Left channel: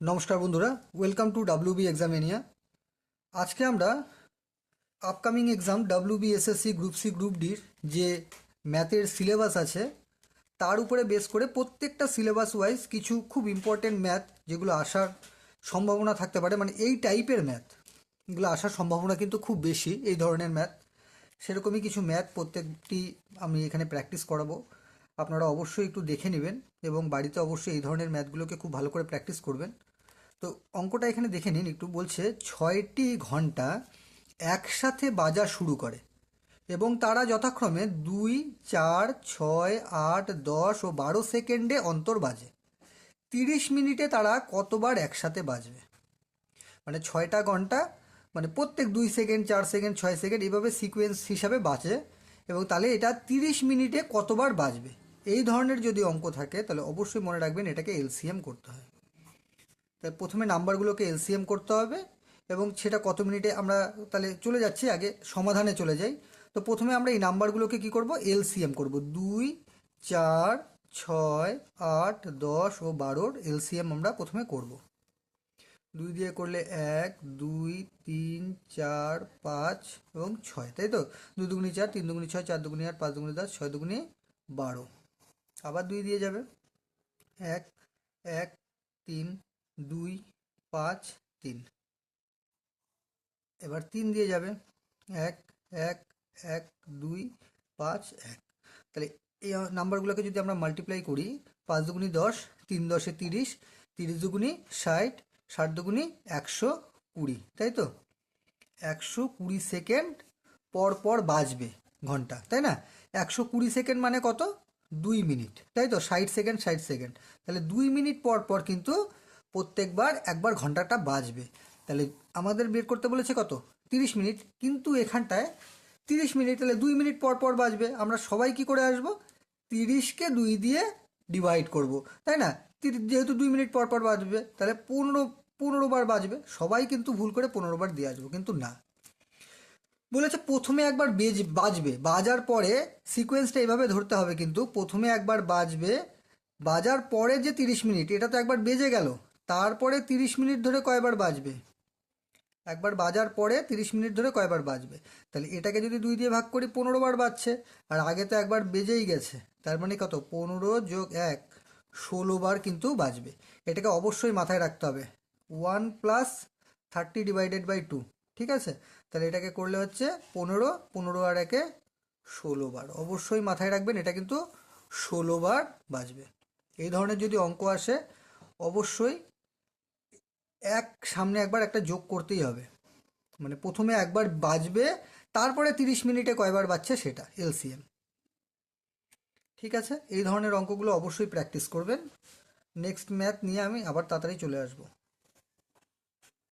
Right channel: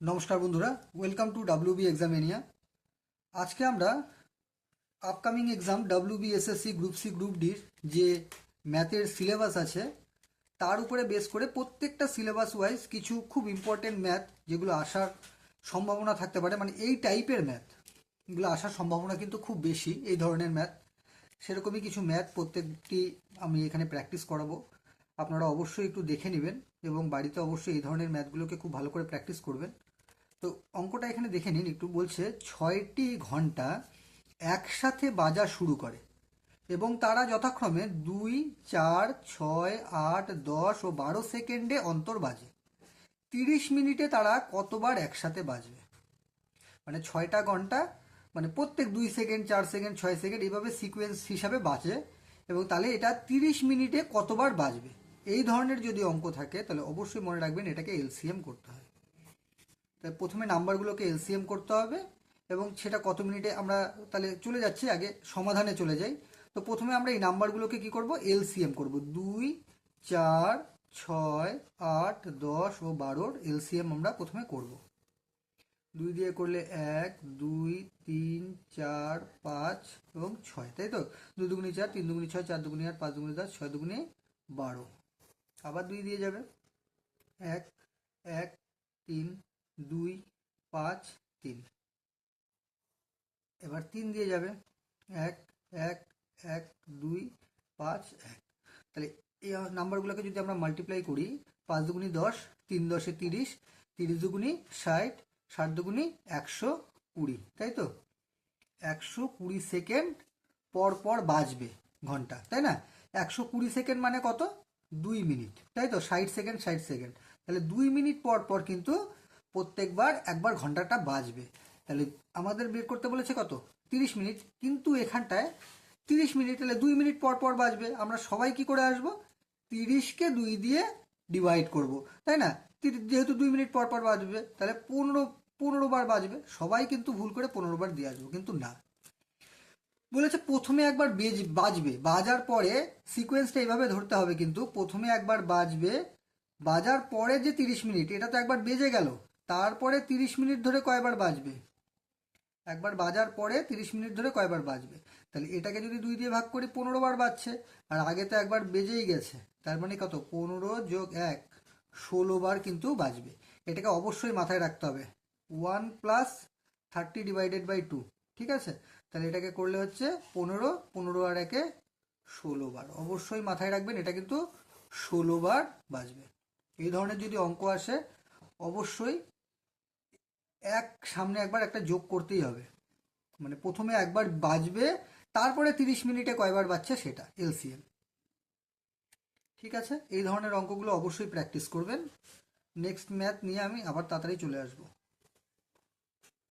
নমস্কার বন্ধুরা, welcome to WB Examania. আজকে আমরা upcoming exam WBSSC group C group ডির যে ম্যাথের সিলেবাস আছে তার উপরে বেস করে প্রত্যেকটা সিলেবাস ওয়াইজ কিছু খুব ইম্পর্টেন্ট ম্যাথ যেগুলো আসার সম্ভাবনা থাকতে পারে, মানে এই টাইপের ম্যাথগুলো আসার সম্ভাবনা কিন্তু খুব বেশি। এই ধরনের ম্যাথ, সেরকমই কিছু ম্যাথ প্রত্যেকটি আমি এখানে প্র্যাকটিস করাবো। আপনারা অবশ্যই একটু দেখে নেবেন এবং বাড়িতে অবশ্যই এই ধরনের ম্যাথগুলোকে খুব ভালো করে প্র্যাকটিস করবেন। তো অঙ্কটা এখানে দেখে নিন একটু। বলছে 6টি ঘন্টা একসাথে বাজা শুরু করে এবং তারা যথাক্রমে 2, 4, 6, 8, 10 ও 12 সেকেন্ডে অন্তর বাজে। 30 মিনিটে তারা কতবার একসাথে বাজবে? মানে 6টা ঘন্টা, মানে প্রত্যেক 2 সেকেন্ড, 4 সেকেন্ড, 6 সেকেন্ড এইভাবে সিকোয়েন্স হিসাবে বাজে এবং তাহলে এটা 30 মিনিটে কতবার বাজবে। এই ধরনের যদি অঙ্ক থাকে তাহলে অবশ্যই মনে রাখবেন এটাকে এলসিএম করতে হয়। তাই প্রথমে নাম্বারগুলোকে এলসিএম করতে হবে এবং সেটা কত মিনিটে আমরা তাহলে চলে যাচ্ছি, আগে সমাধানে চলে যাই। তো প্রথমে আমরা এই নাম্বারগুলোকে কি করব? এলসিএম করব। 2, 4, 6, 8, 10 ও 12-র এলসিএম আমরা প্রথমে করব। 2 দিয়ে করলে 1, 2, 3, 4, 5 এবং 6, তাই তো? 2 দুগুনি 4, 3 দুগুনি 6, 4 দুগুনি 8, 5 দুগুনি 10, 6 দুগুনি 12। আবার 2 দিয়ে যাবে। 1, 1, 3, 2, 5, 3। এবার 3 দিয়ে যাবে। 1, 1, 1, 2, 5, 1। তাহলে এই নাম্বারগুলোকে যদি আমরা মাল্টিপ্লাই করি, 5 দুগুনি 10, 3 10-এ 30, 30 দুগুনি 60, 60 দুগুনি 120, তাই তো? 120 সেকেন্ড পর পর বাজবে ঘন্টা, তাই না? 120 সেকেন্ড মানে কত? 2 মিনিট, তাই তো? 60 সেকেন্ড, 60 সেকেন্ড, তাহলে 2 মিনিট পর পর কিন্তু প্রত্যেকবার একবার ঘন্টাটা বাজবে। তাহলে আমাদের বের করতে বলেছে কত? 30 মিনিট। কিন্তু এখানটায় 30 মিনিট, তাহলে 2 মিনিট পর পর বাজবে। আমরা সবাই কি করে আসবো? 30কে 2 দিয়ে ডিভাইড করব, তাই না? যেহেতু 2 মিনিট পর পর বাজবে তাহলে 15 বার বাজবে। সবাই কিন্তু ভুল করে 15 বার দিয়ে আসবো, কিন্তু না, বলেছে প্রথমে একবার বাজবে, বাজার পরে সিকোয়েন্সটা এইভাবে ধরতে হবে। কিন্তু প্রথমে একবার বাজবে, বাজার পরে যে 30 মিনিট, এটা তো একবার বেজে গেল, তারপরে 30 মিনিট ধরে কয়বার বাজবে? একবার বাজার পরে 30 মিনিট ধরে কয়বার বাজবে? তাহলে এটাকে যদি 2 দিয়ে ভাগ করি, 15 বার বাজছে। আর আগে তো একবার বেজেই গেছে, তার মানে কত? 15 যোগ 1, 16 বার কিন্তু বাজবে। এটাকে অবশ্যই মাথায় রাখতে হবে। 1 প্লাস 30 ডিভাইডেড বাই 2, ঠিক আছে? তাহলে এটাকে করলে হচ্ছে 15, 15 আর 1-এ 16 বার। অবশ্যই মাথায় রাখবেন এটা কিন্তু 16 বার বাজবে। এই ধরনের যদি অঙ্ক আসে অবশ্যই সামনে একবার একটা যোগ করতেই হবে। মানে প্রথমে একবার বাজবে, তারপরে 30 মিনিটে কয়বার বাজছে সেটা এলসিএম। ঠিক আছে, এই ধরনের অঙ্কগুলো অবশ্যই প্র্যাকটিস করবেন। নেক্সট ম্যাথ নিয়ে আমি আবার তাড়াতাড়ি চলে আসবো।